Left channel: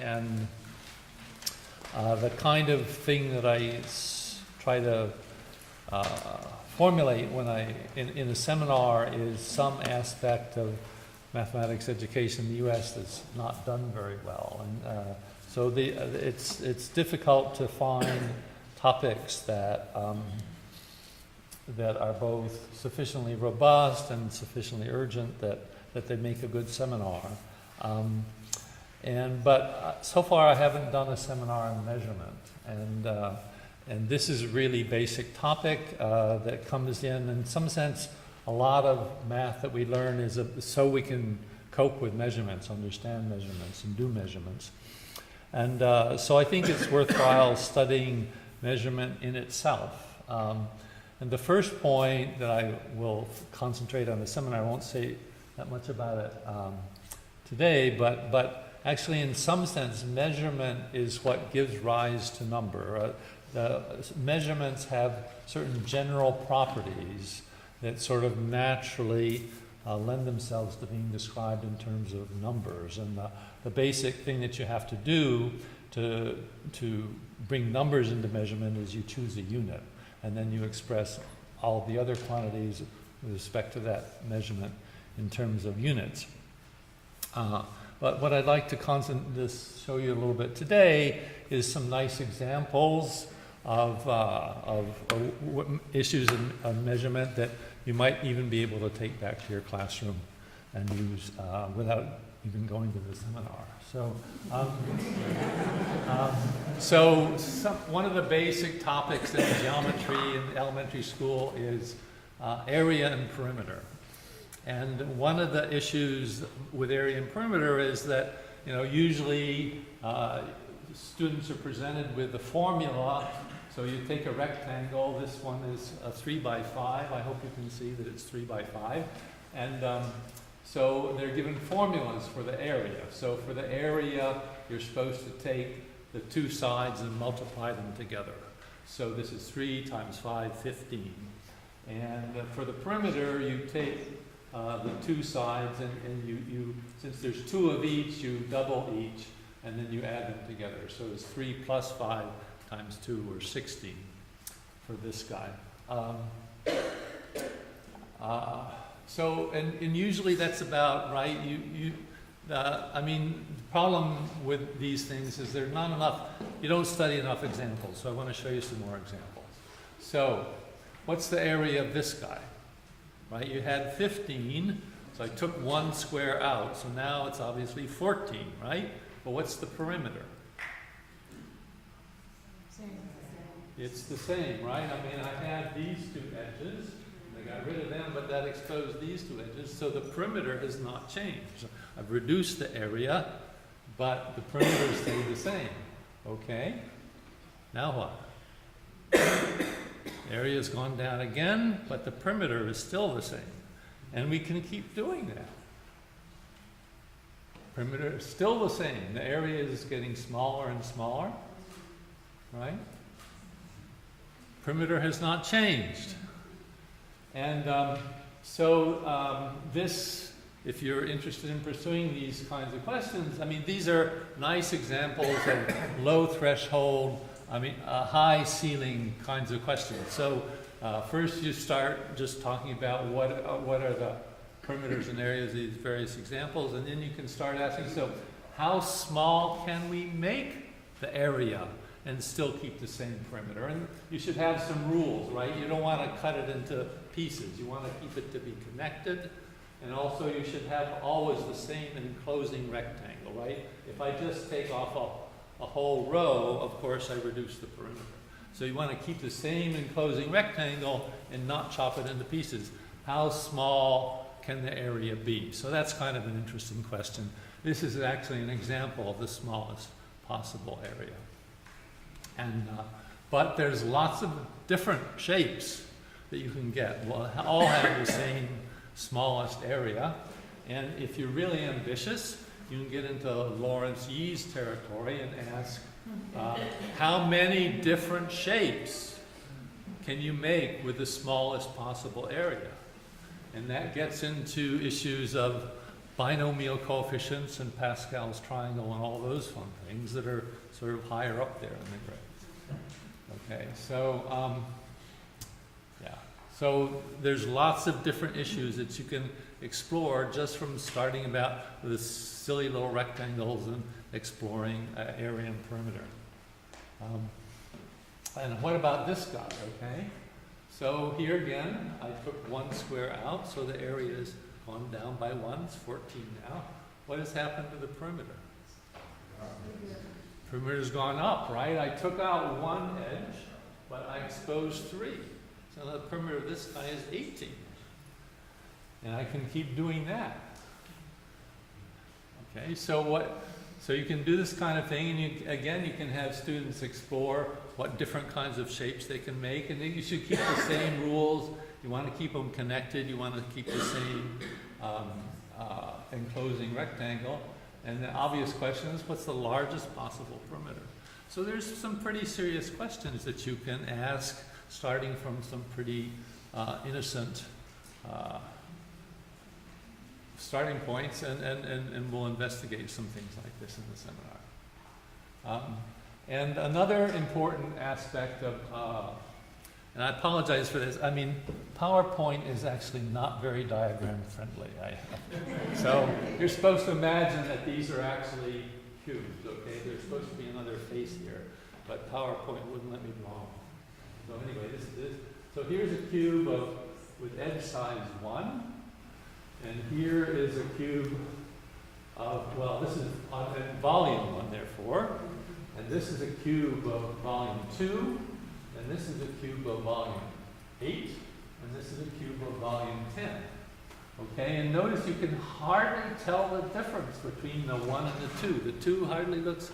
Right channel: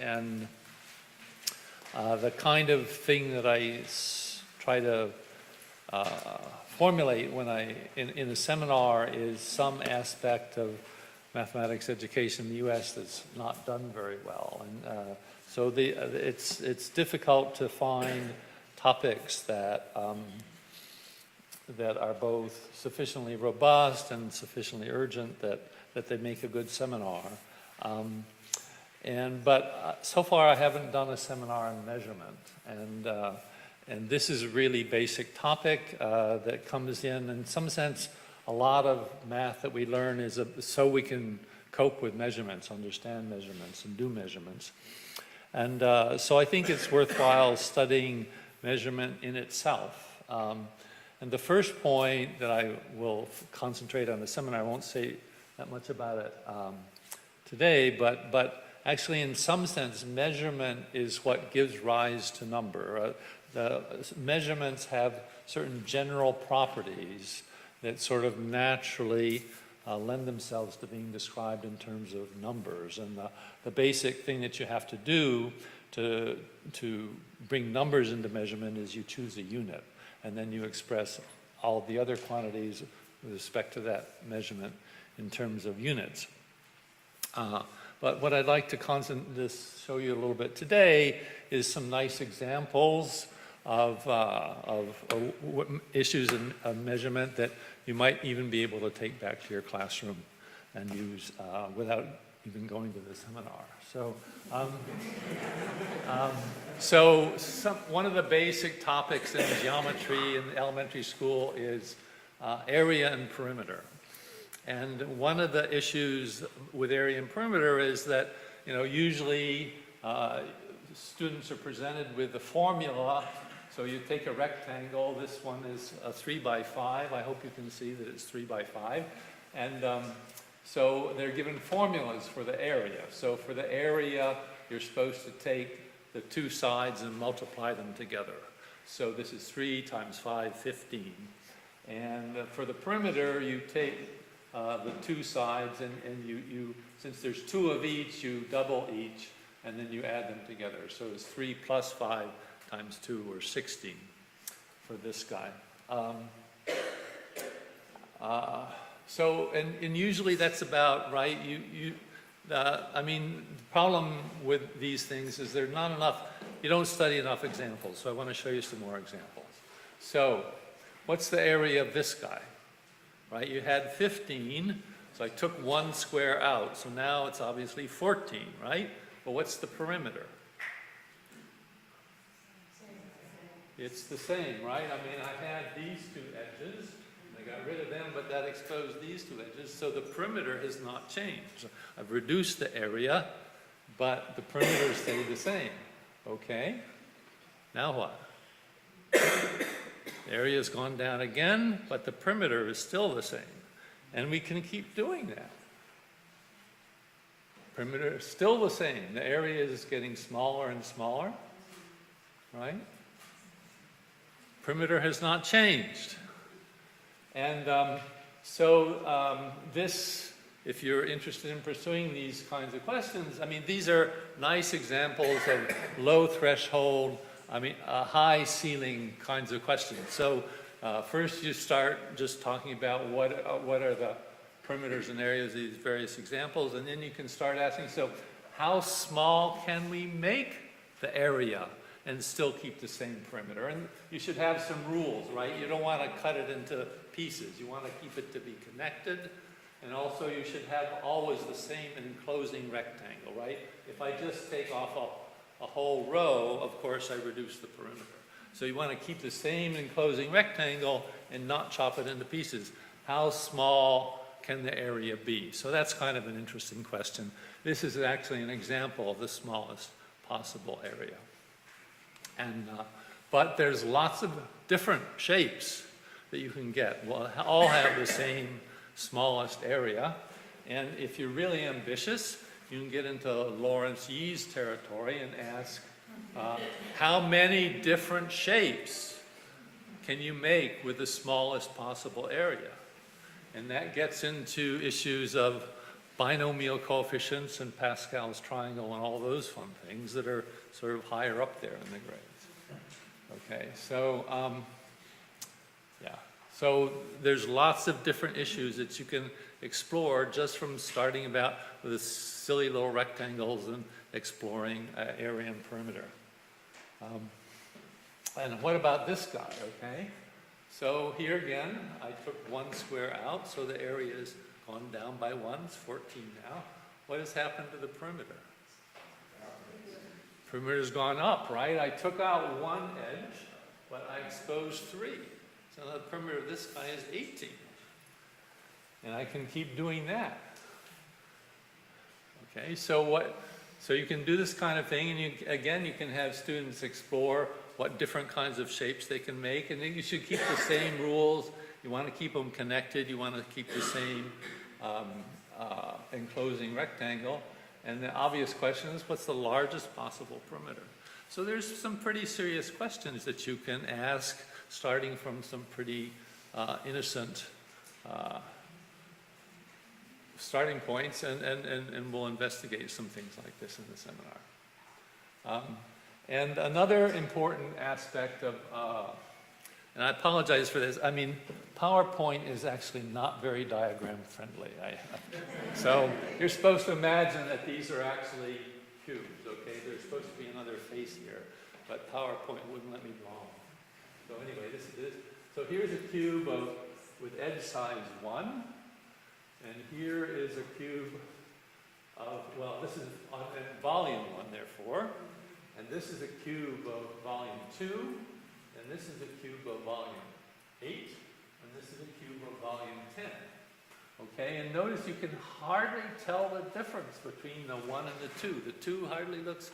And the kind of thing that I try to formulate when in a seminar is some aspect of mathematics education in the U.S. that's not done very well, and so it's difficult to find topics that that are both sufficiently robust and sufficiently urgent that they make a good seminar. But so far I haven't done a seminar on measurement, and this is a really basic topic that comes in some sense. A lot of math that we learn is so we can cope with measurements, understand measurements, and do measurements. And so I think it's worthwhile studying measurement in itself. And the first point that I will concentrate on the seminar, I won't say that much about it today, but actually, in some sense, measurement is what gives rise to number. The measurements have certain general properties that sort of naturally lend themselves to being described in terms of numbers. And the basic thing that you have to do to bring numbers into measurement is you choose a unit, and then you express all of the other quantities with respect to that measurement in terms of units. But what I'd like to just show you a little bit today is some nice examples of issues in measurement that you might even be able to take back to your classroom and use without even going to the seminar. So, one of the basic topics in geometry in elementary school is area and perimeter. And one of the issues with area and perimeter is that, usually students are presented with the formula. So you take a rectangle. This one is a 3 by 5. I hope you can see that it's 3 by 5. And so they're given formulas for the area. So for the area, you're supposed to take the two sides and multiply them together. So this is 3 times 5, 15. And for the perimeter, you take the two sides, and you since there's two of each, you double each, and then you add them together. So it's 3 plus 5 times 2, or 16 for this guy. And usually that's about right. The problem with these things is there's not enough. You don't study enough examples. So I want to show you some more examples. So, what's the area of this guy? Right, you had 15, so I took one square out, so now it's obviously 14, right? But what's the perimeter? It's the same, right? I had these two edges, I got rid of them, but that exposed these two edges, so the perimeter has not changed. I've reduced the area, but the perimeter stayed the same. Okay, now what? Area has gone down again, but the perimeter is still the same. And we can keep doing that. Perimeter is still the same. The area is getting smaller and smaller, right? Perimeter has not changed. And this, if you're interested in pursuing these kinds of questions, these are nice examples of low threshold, high ceiling kinds of questions. So first you start just talking about what are the perimeters and areas of these various examples, and then you can start asking, so how small can we make the area and still keep the same perimeter? And you should have some rules, right? You don't want to cut it into pieces. You want to keep it to be connected, and also you should have always the same enclosing rectangle, right? If I just take off a whole row, of course I reduce the perimeter. So you want to keep the same enclosing rectangle and not chop it into pieces. How small can the area be? So that's kind of an interesting question. This is actually an example of the smallest possible area. And but there's lots of different shapes that you can get. Well, all have the same smallest area. And if you're really ambitious, you can get into Lawrence Yee's territory and ask, how many different shapes can you make with the smallest possible area? And that gets into issues of binomial coefficients and Pascal's triangle and all those fun things that are sort of higher up there in the grades. Okay, so yeah, so there's lots of different issues that you can explore just from starting about with silly little rectangles and exploring area and perimeter. And what about this guy, okay? So here again, I took one square out, so the area has gone down by 1, it's 14 now. What has happened to the perimeter? Perimeter's gone up, right? I took out one edge, but I exposed 3. So the perimeter of this guy is 18. And I can keep doing that. Okay, so you can do this kind of thing, and you can have students explore what different kinds of shapes they can make, and then you should keep the same rules. You want to keep them connected. You want to keep the same enclosing rectangle. And the obvious question is, what's the largest possible perimeter? So there's some pretty serious questions that you can ask, starting from some pretty innocent starting points, and we'll investigate some things like this in the seminar. And another important aspect of, and I apologize for this, I mean, PowerPoint is actually not very diagram friendly. So you're supposed to imagine that these are actually cubes, okay? There's supposed to be another face here, but PowerPoint wouldn't let me draw them. So anyway, so here's a cube with edge size 1. And here is a cube of, well, this is volume 1, therefore. And this is a cube of volume 2. And this is a cube of volume 8. And this is a cube of volume 10. Okay, and notice you can hardly tell the difference between the 1 and the 2. The 2 hardly looks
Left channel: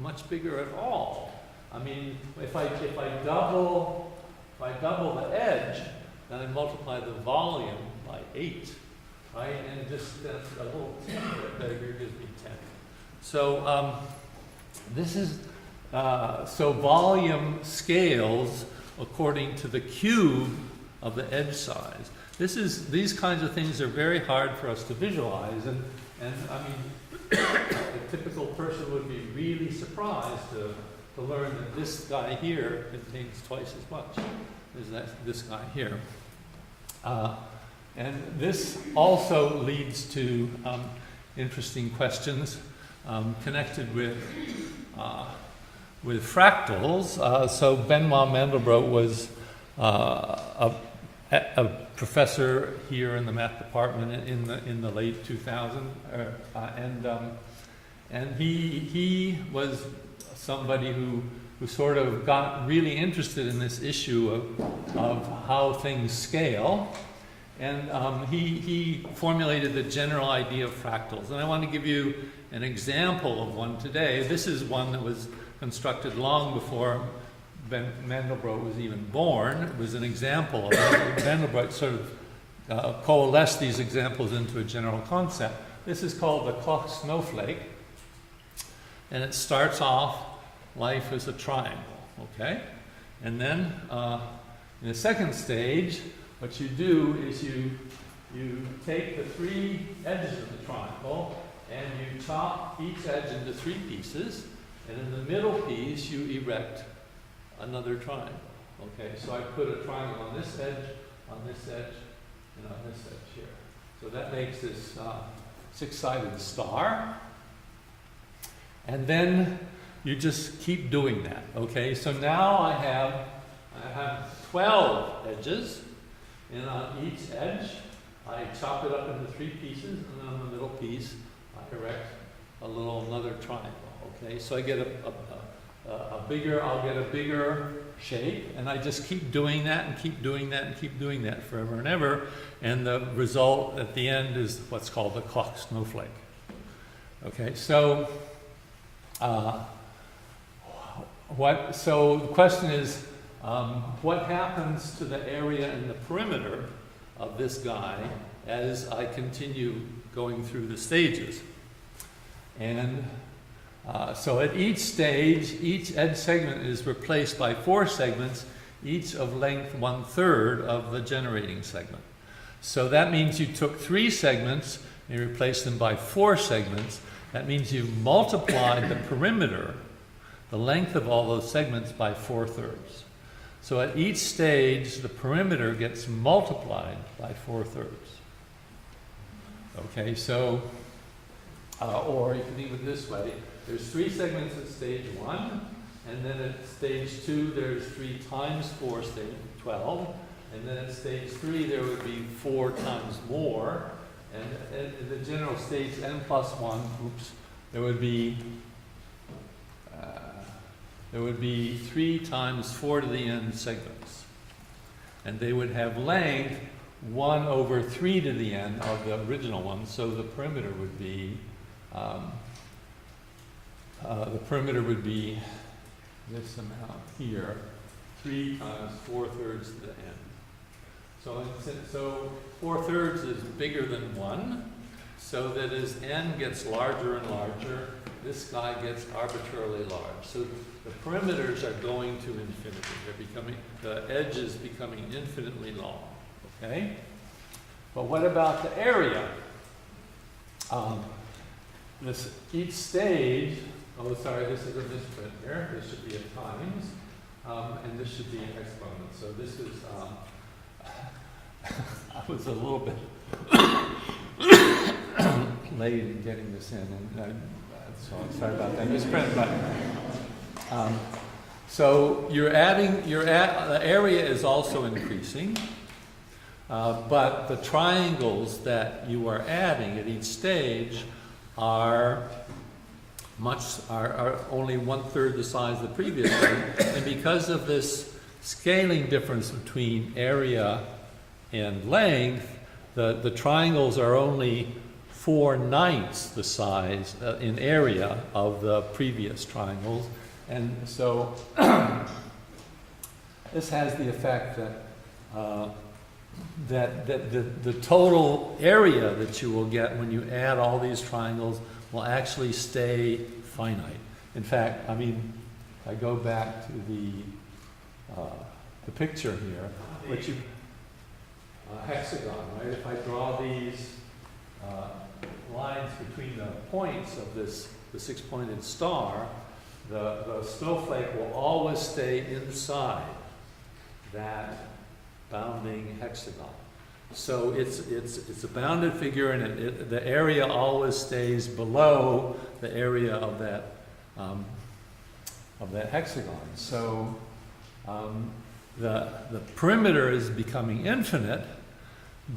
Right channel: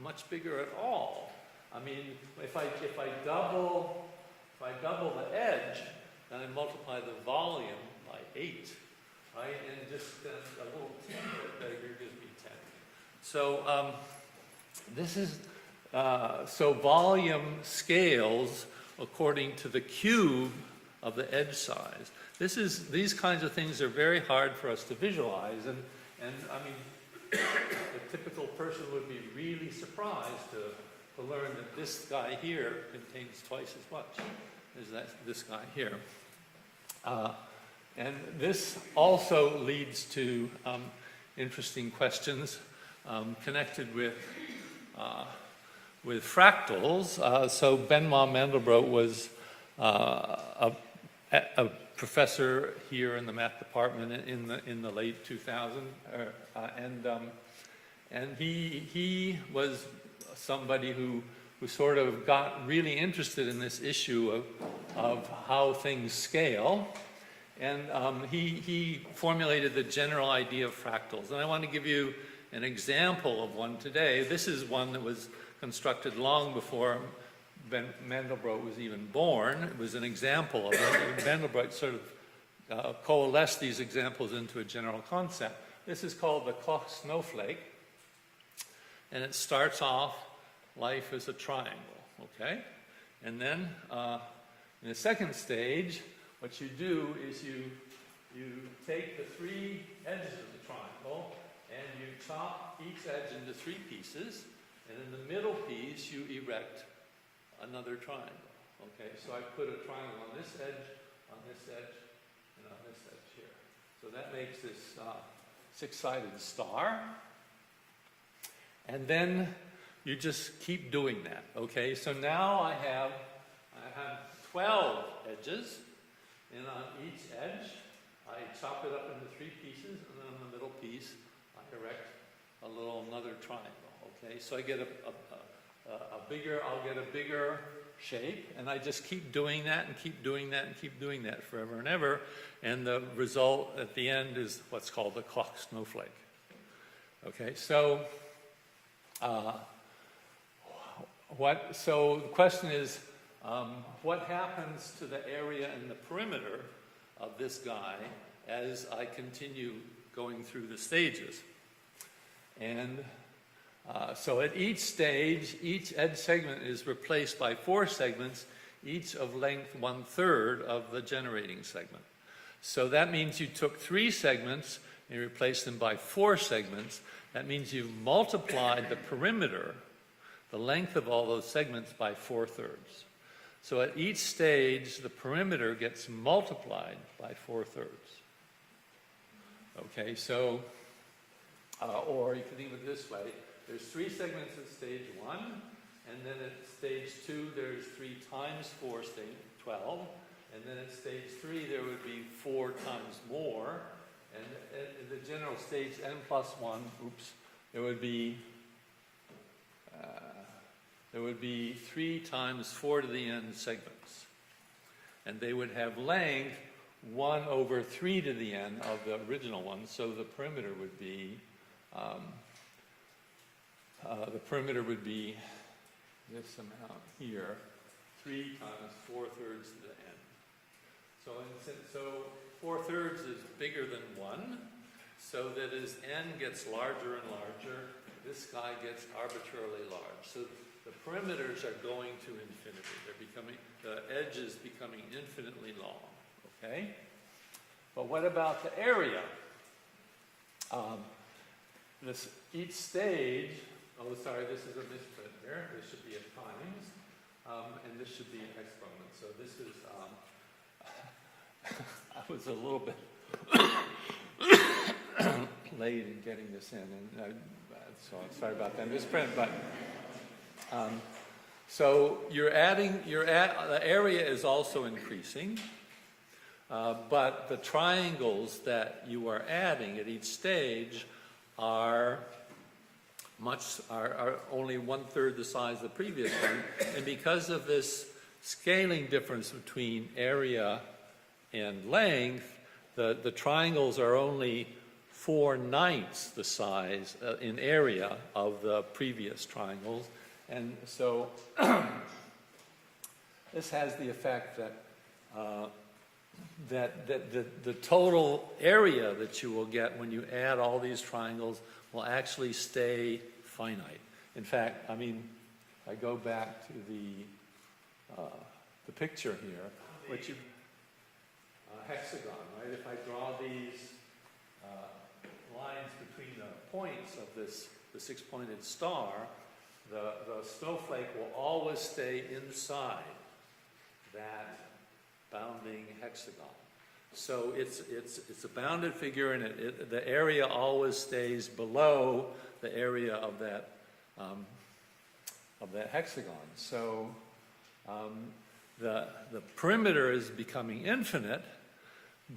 much bigger at all. I mean, if I double the edge, then I multiply the volume by 8. Right, and just a little 10 bigger gives me 10. So this is so volume scales according to the cube of the edge size. These kinds of things are very hard for us to visualize, and I mean, a typical person would be really surprised to learn that this guy here contains twice as much as this guy here. And this also leads to interesting questions connected with fractals. So Benoit Mandelbrot was a professor here in the math department in the late 2000s, and he was somebody who sort of got really interested in this issue of how things scale. And he formulated the general idea of fractals. And I want to give you an example of one today. This is one that was constructed long before Mandelbrot was even born. It was an example of it. Mandelbrot sort of coalesced these examples into a general concept. This is called the clock snowflake. And it starts off life as a triangle, okay? And then in the second stage, what you do is you take the 3 edges of the triangle and you chop each edge into 3 pieces, and in the middle piece you erect another triangle. Okay, so I put a triangle on this edge, and on this edge here. So that makes this 6-sided star. And then you just keep doing that. Okay, so now I have 12 edges. And on each edge, I chop it up into 3 pieces, and then on the middle piece, I erect another triangle. Okay, so I get I'll get a bigger shape, and I just keep doing that and keep doing that and keep doing that forever and ever, and the result at the end is what's called the clock snowflake. Okay, so so the question is, what happens to the area in the perimeter of this guy as I continue going through the stages? And so at each stage, each edge segment is replaced by 4 segments, each of length 1/3 of the generating segment. So that means you took 3 segments, and you replace them by 4 segments, that means you've multiplied the perimeter, the length of all those segments, by 4/3. So at each stage, the perimeter gets multiplied by 4/3. Okay, so, or you can think of it this way. There's 3 segments at stage 1, and then at stage 2, there's 3 times 4, stage 12. And then at stage 3, there would be 4 times more. And at the general stage n plus 1, there would be 3 times 4 to the n segments. And they would have length 1 over 3 to the n of the original one. So the perimeter would be this amount here, 3 times 4/3 to the n. So 4/3 is bigger than 1, so that as n gets larger and larger, this guy gets arbitrarily large. So the perimeters are going to infinity. The edge is becoming infinitely long. Okay? But what about the area? Each stage, this is a misprint here. This should be a times, and this should be an exponent. So this is, I was a little bit late in getting this in, and so I'm sorry about that misprint. But so the area is also increasing, but the triangles that you are adding at each stage are only 1/3 the size of the previous one, and because of this scaling difference between area and length, the triangles are only 4/9 the size in area of the previous triangles, and so this has the effect that the total area that you will get when you add all these triangles will actually stay finite. In fact, I go back to the picture here, which hexagon, right? If I draw these lines between the points of the 6-pointed star, the snowflake will always stay inside that bounding hexagon. So it's a bounded figure, and the area always stays below the area of that hexagon. So the perimeter is becoming infinite,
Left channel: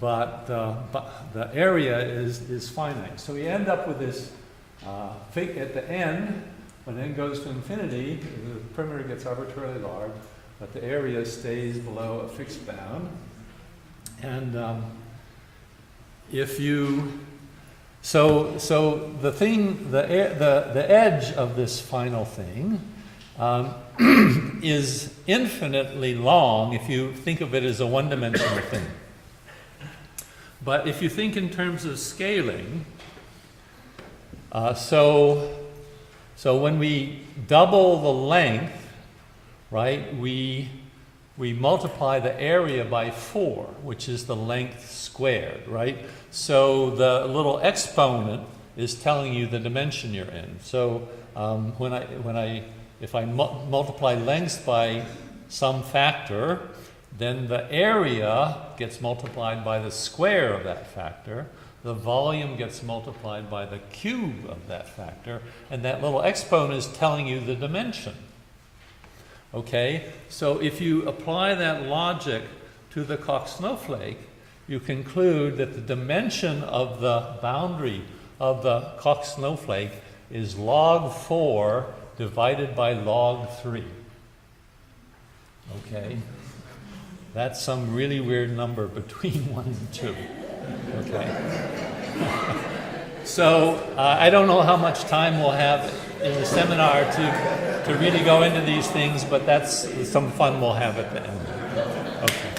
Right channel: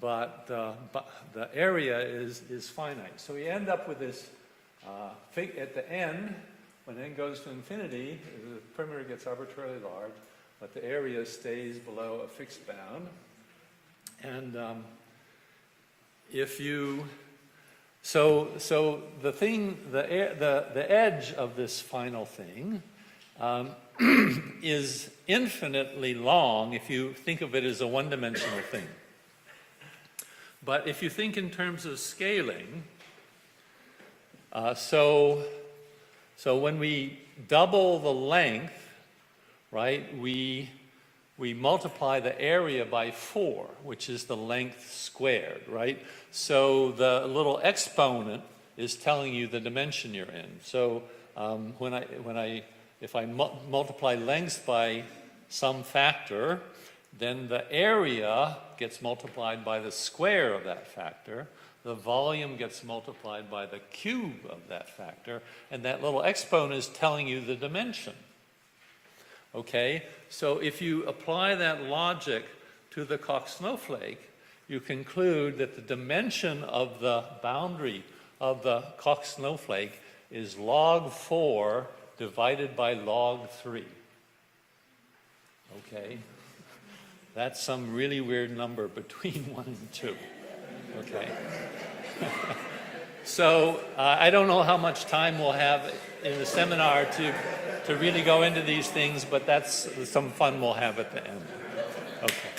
but the area is finite. So we end up with this at the end, when n goes to infinity, the perimeter gets arbitrarily large, but the area stays below a fixed bound. And the edge of this final thing is infinitely long if you think of it as a one-dimensional thing. But if you think in terms of scaling, so when we double the length, right, we multiply the area by 4, which is the length squared, right? So the little exponent is telling you the dimension you're in. So if I multiply lengths by some factor, then the area gets multiplied by the square of that factor. The volume gets multiplied by the cube of that factor, and that little exponent is telling you the dimension. Okay, so if you apply that logic to the Koch snowflake, you conclude that the dimension of the boundary of the Koch snowflake is log 4 divided by log 3. Okay, that's some really weird number between 1 and 2. Okay. So I don't know how much time we'll have in the seminar to really go into these things, but that's some fun we'll have at the end. Okay.